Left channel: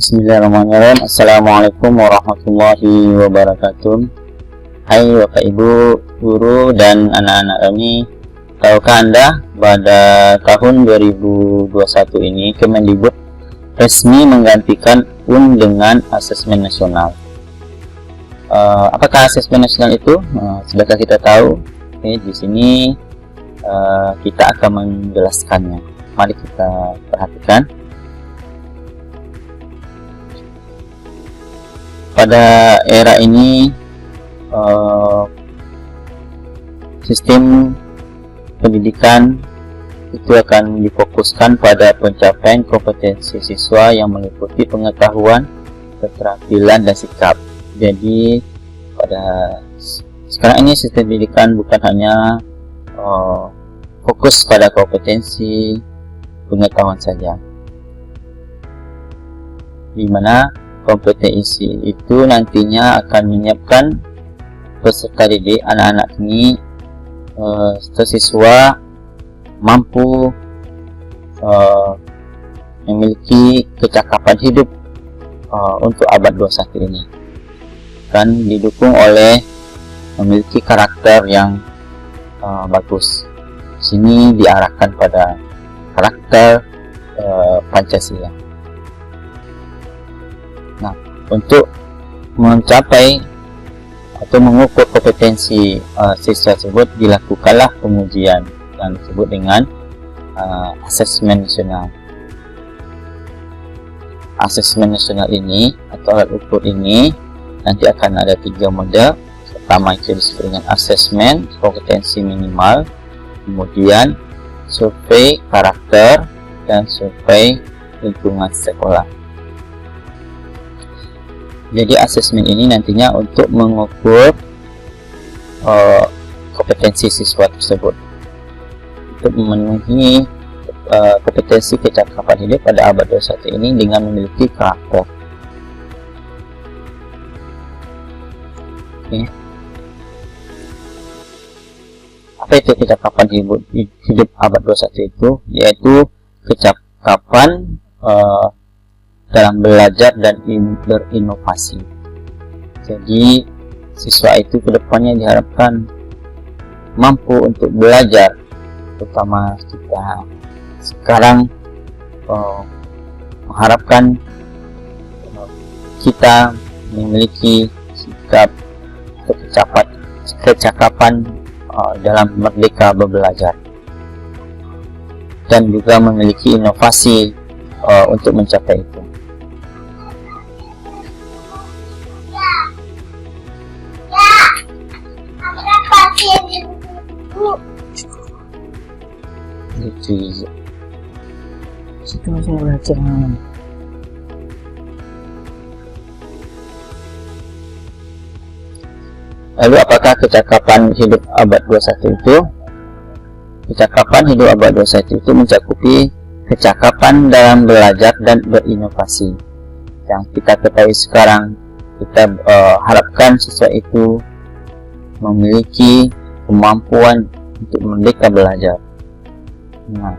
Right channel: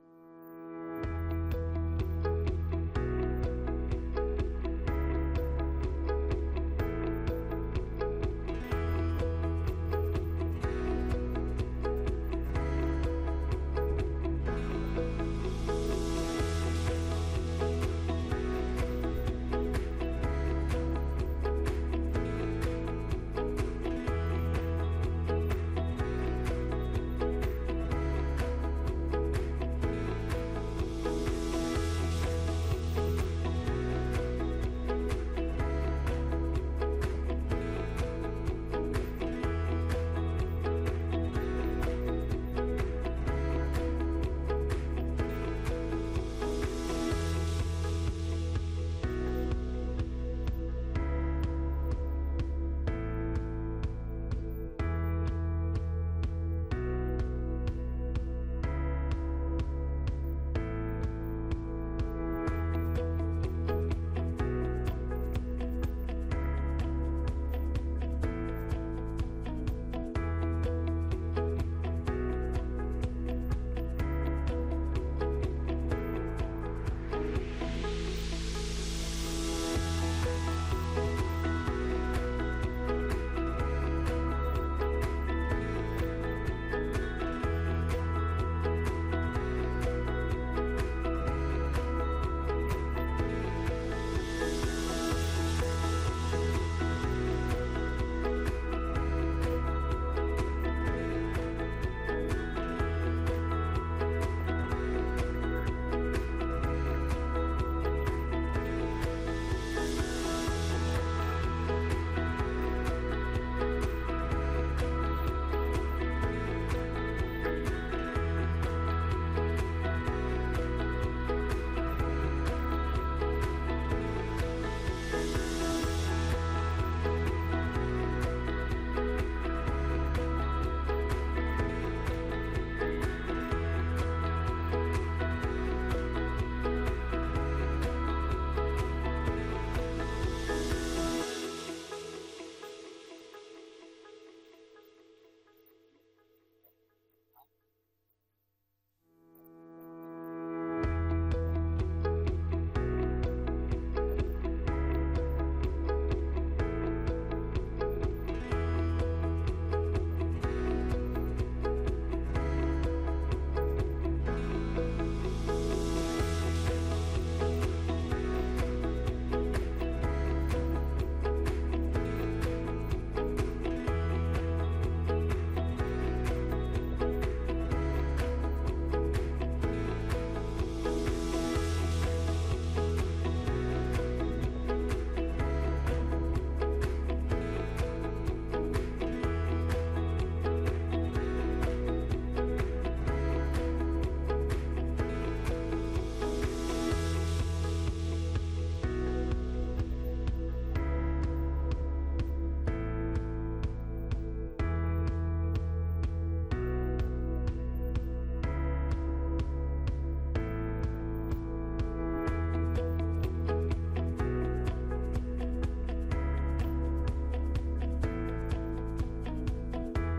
Bismillahirrahmanirrahim. Assalamualaikum warahmatullahi wabarakatuh. Hai Bapak Ibu, guru dan anak-anak kami. Tahukah Anda pada tahun 2021 ini Kemendikbud resmi menggantikan UN dengan asesmen nasional. Apakah asesmen nasional itu? Sudahkah kita tahu? Oke, di sini kita akan menjelaskannya. Mari kita perhatikan. Pada era ini sistem pendidikan itu akan difokuskan pada pencapaian kompetensi siswa yang meliputi pengetahuan, keterampilan, dan sikap. Jadi pada sekarang ini sistem pendidikan bukan hanya fokus pada kompetensi pengetahuan saja, di mana kompetensi itu nantinya akan menyiapkan peserta didik anak-anak ini siswa mampu memiliki kecakapan hidup untuk abad 21 ini, dan didukung oleh memiliki karakter yang bagus. Di sini diarahkan pada karakter Pancasila. Nah, untuk mencapai atau mengukur kompetensi siswa tersebut dilakukanlah pengujian yang disebut dengan asesmen nasional. Asesmen nasional ini atau alat ukur ini nanti akan ada 3 model. Pertama itu disebut dengan asesmen kompetensi minimal, kemudian survei karakter, dan survei lingkungan sekolah. Jadi asesmen ini nantinya untuk mengukur kompetensi siswa tersebut untuk memenuhi kompetensi kecakapan hidup pada abad 21 ini dengan memiliki karakter. Oke. Apa itu kecakapan hidup abad 21 itu? Yaitu kecakapan dalam belajar dan berinovasi. Jadi siswa itu kedepannya diharapkan mampu untuk belajar, terutama kita sekarang mengharapkan kita memiliki sikap kecakapan dalam merdeka belajar, dan juga memiliki inovasi untuk mencapai itu. Situ masih belajar. Lalu apakah kecakapan hidup abad 21 itu? Kecakapan hidup abad 21 itu mencakupi kecakapan dalam belajar dan berinovasi. Yang kita ketahui sekarang, kita harapkan siswa itu memiliki kemampuan untuk merdeka belajar. Nah,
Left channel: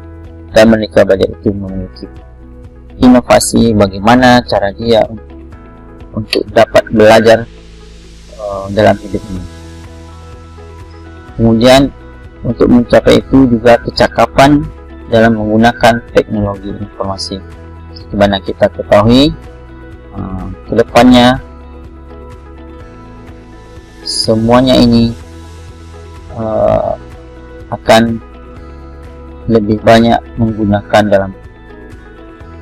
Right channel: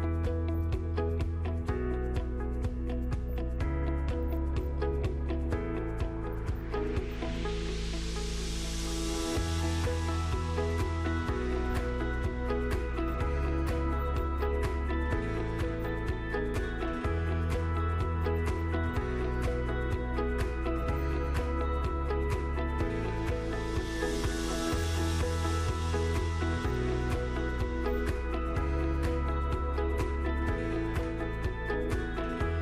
dan merdeka belajar itu memiliki inovasi bagaimana cara dia untuk dapat belajar dalam hidup ini. Kemudian untuk mencapai itu juga kecakapan dalam menggunakan teknologi informasi. Seperti mana kita ketahui, kedepannya semuanya ini akan lebih banyak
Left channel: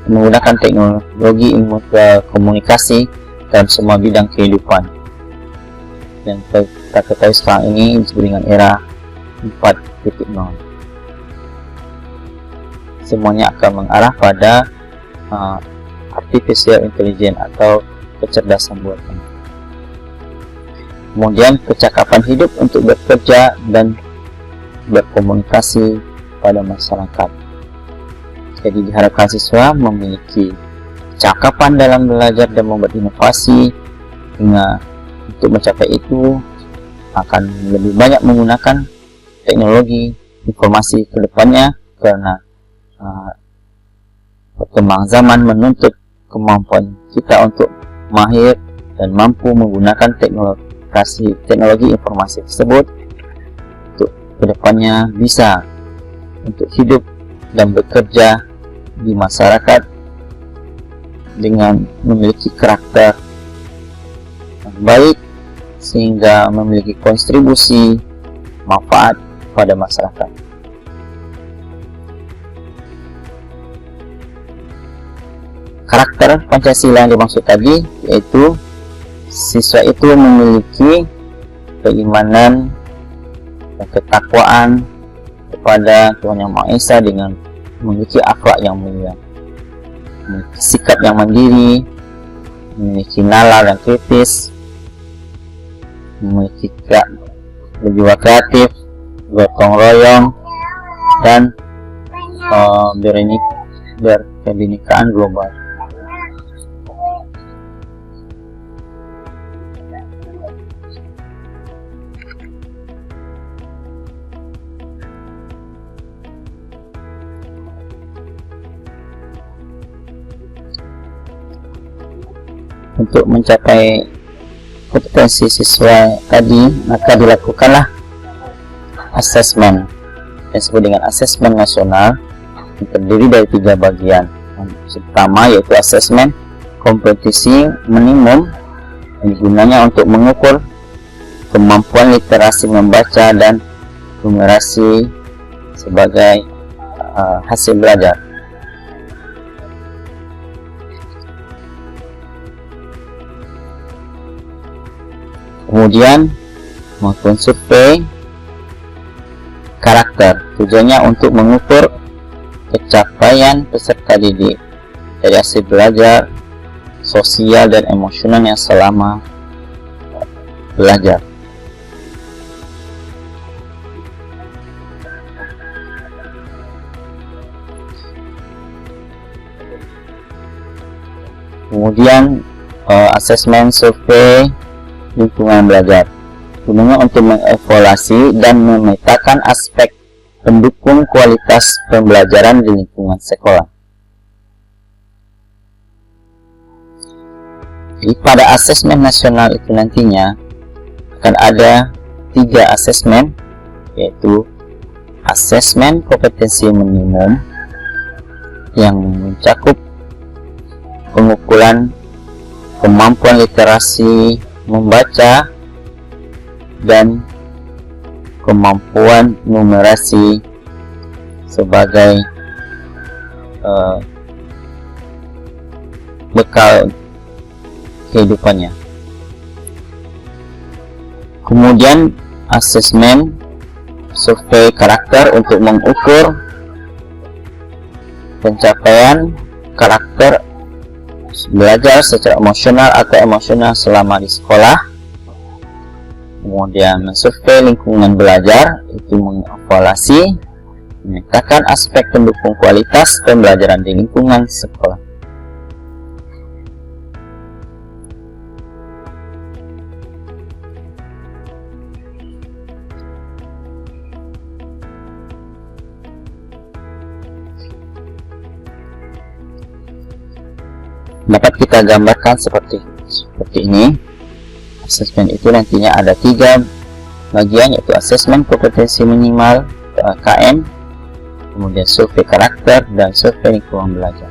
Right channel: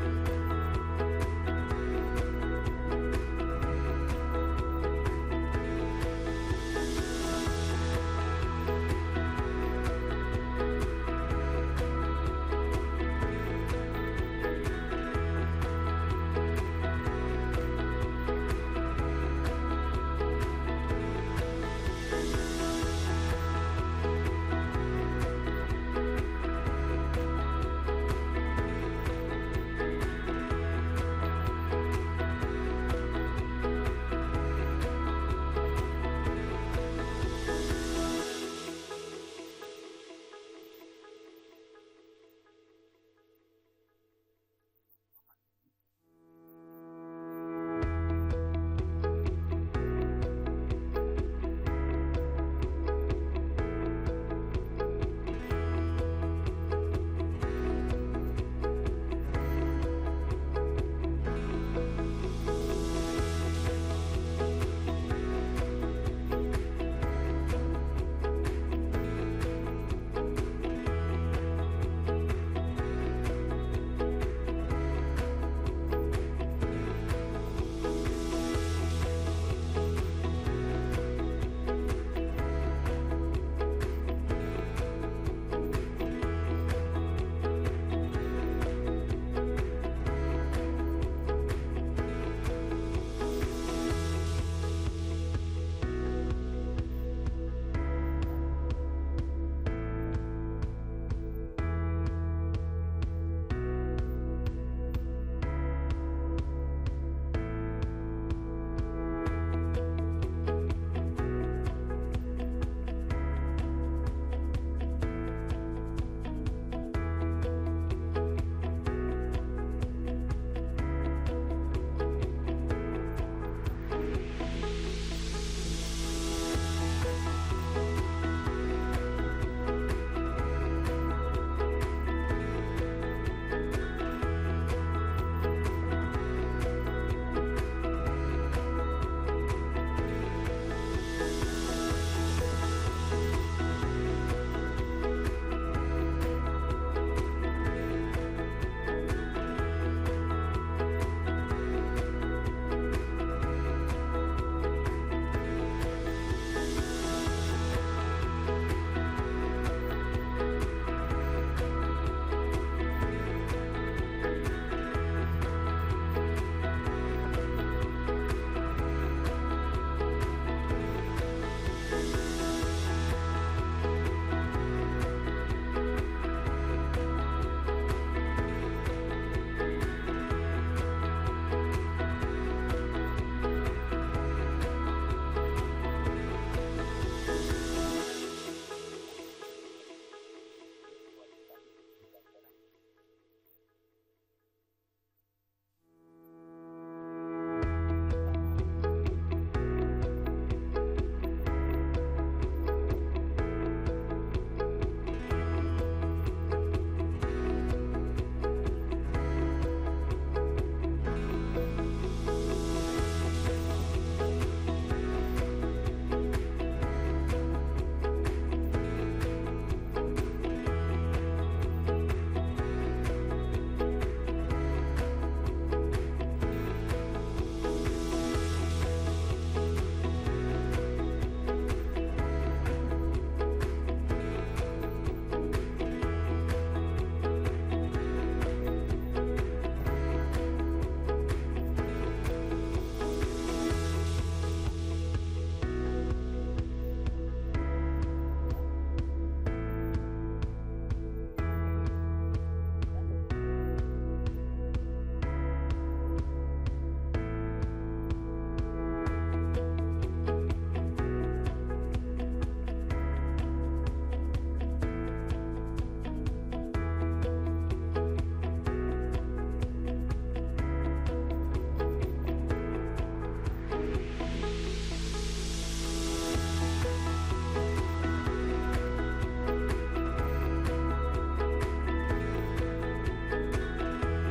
menggunakan teknologi ilmu komunikasi dalam semua bidang kehidupan. Dan kita ketahui sekarang ini disebut dengan era 4.0. Semuanya akan mengarah pada artificial intelligence atau kecerdasan buatan. Kemudian kecakapan hidup untuk bekerja dan berkomunikasi pada masyarakat. Jadi diharapkan siswa memiliki kecakapan dalam belajar dan membuat inovasi, hingga untuk mencapai itu akan lebih banyak menggunakan teknologi informasi ke depannya, karena perkembangan zaman menuntut kemampuan kita untuk mahir dan mampu menggunakan teknologi informasi tersebut untuk kedepannya bisa untuk hidup dan bekerja di masyarakat dengan memiliki karakter yang baik sehingga memiliki kontribusi manfaat pada masyarakat. Karakter Pancasila yang dimaksud tadi yaitu siswa itu memiliki keimanan dan ketakwaan kepada Tuhan Yang Maha Esa dengan memiliki akhlak yang mulia, memiliki sikap yang mandiri, memiliki nalar yang kritis, memiliki berjiwa kreatif, gotong royong, dan berkebinekaan global. Untuk mencapai kompetensi siswa tadi, maka dilakukanlah asesmen yang disebut dengan asesmen nasional yang terdiri dari 3 bagian. Yang pertama yaitu asesmen kompetisi minimum yang gunanya untuk mengukur kemampuan literasi membaca dan numerasi sebagai hasil belajar. Kemudian melakukan survei karakter, tujuannya untuk mengukur pencapaian peserta didik dari hasil belajar, sosial dan emosional yang selama belajar. Kemudian asesmen survei lingkungan belajar, gunanya untuk mengevaluasi dan memetakan aspek pendukung kualitas pembelajaran di lingkungan sekolah. Jadi pada asesmen nasional itu nantinya akan ada 3 asesmen, yaitu asesmen kompetensi minimum yang mencakup pengukuran kemampuan literasi membaca dan kemampuan numerasi sebagai bekal kehidupannya. Kemudian asesmen survei karakter untuk mengukur pencapaian karakter belajar secara emosional atau emosional selama di sekolah. Kemudian mensurvei lingkungan belajar, itu mengevaluasi, memetakan aspek pendukung kualitas pembelajaran di lingkungan sekolah. Dapat kita gambarkan seperti ini. Asesmen itu nantinya ada 3 bagian, yaitu asesmen kompetensi minimal atau AKM, kemudian survei karakter dan survei lingkungan belajar.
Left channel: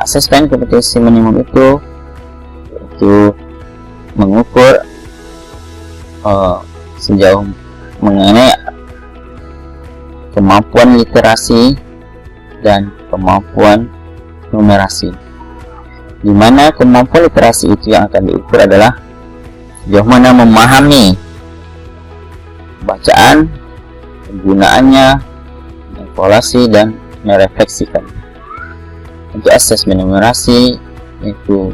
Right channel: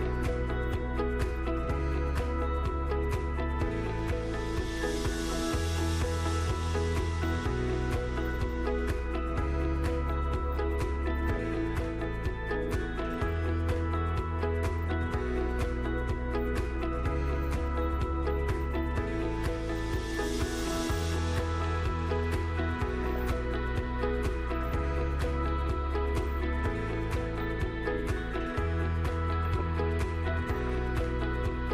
Asesmen kompetensi minimum itu yaitu mengukur sejauh mengenai kemampuan literasi dan kemampuan numerasi, di mana kemampuan literasi itu yang akan diukur adalah sejauh mana memahami bacaan, penggunaannya, evaluasi dan merefleksikan. Untuk asesmen numerasi itu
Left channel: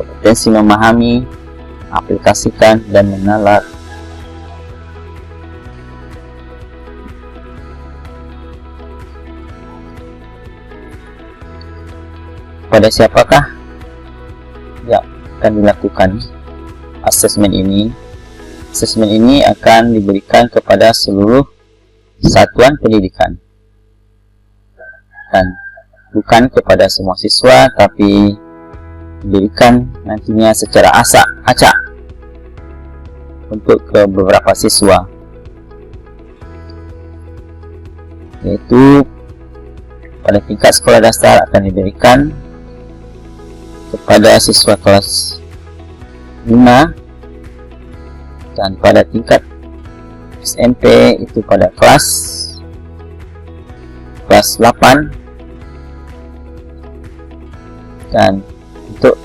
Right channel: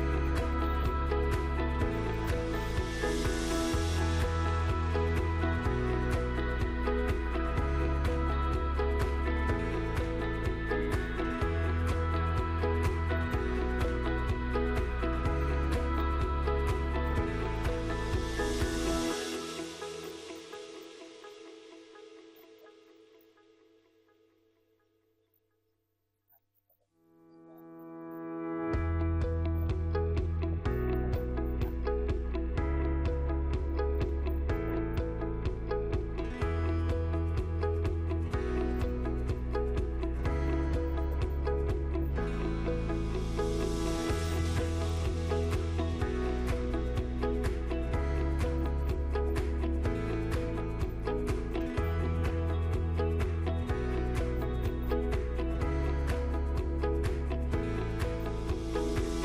kompetensi memahami, aplikasikan dan menalar. Pada siapakah yang akan dilakukan asesmen ini? Asesmen ini akan diberikan kepada seluruh satuan pendidikan dan bukan kepada semua siswa, tapi diberikan nantinya secara acak untuk ke beberapa siswa, yaitu pada tingkat sekolah dasar akan diberikan kepada siswa kelas 5, dan pada tingkat SMP itu pada kelas 8, dan untuk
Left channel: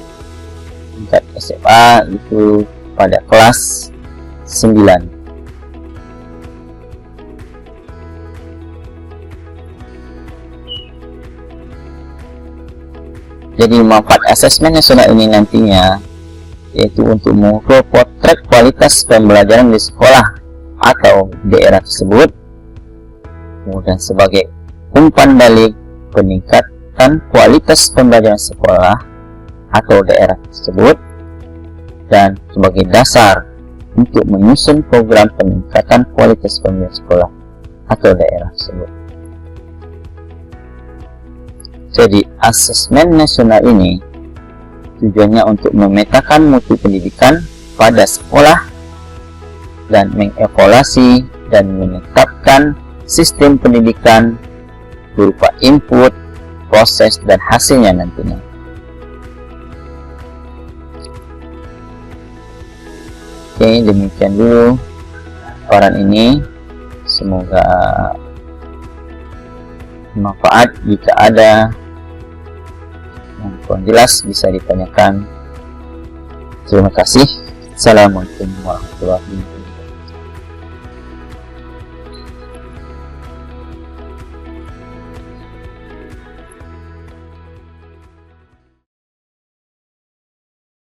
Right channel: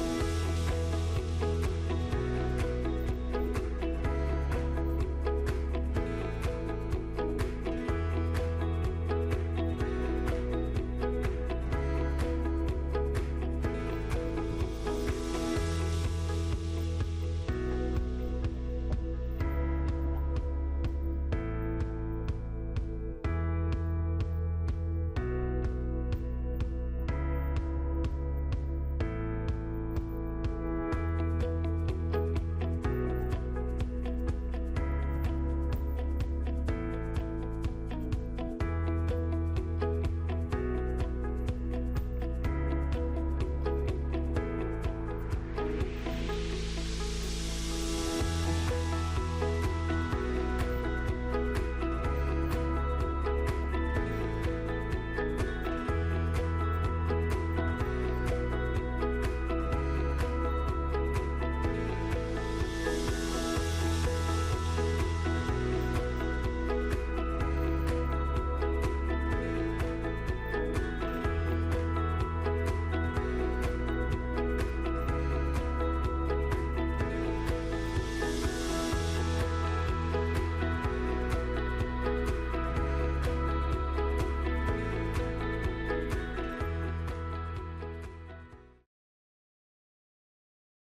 tingkat SMA itu pada kelas 9. Jadi manfaat asesmen nasional ini nantinya yaitu untuk mengukur potret kualitas pembelajaran di sekolah atau daerah tersebut, kemudian sebagai umpan balik peningkatan kualitas pembelajaran sekolah atau daerah tersebut, dan sebagai dasar untuk menyusun program peningkatan kualitas pembelajaran sekolah atau daerah tersebut. Jadi asesmen nasional ini tujuannya untuk memetakan mutu pendidikan pada sekolah dan mengevaluasi dan menetapkan sistem pendidikan berupa input, proses, dan hasilnya nantinya. Oke, demikian dulu paparan ini. Semoga bermanfaat. Jika ada yang kurang jelas bisa ditanyakan. Terima kasih. Assalamualaikum warahmatullahi wabarakatuh.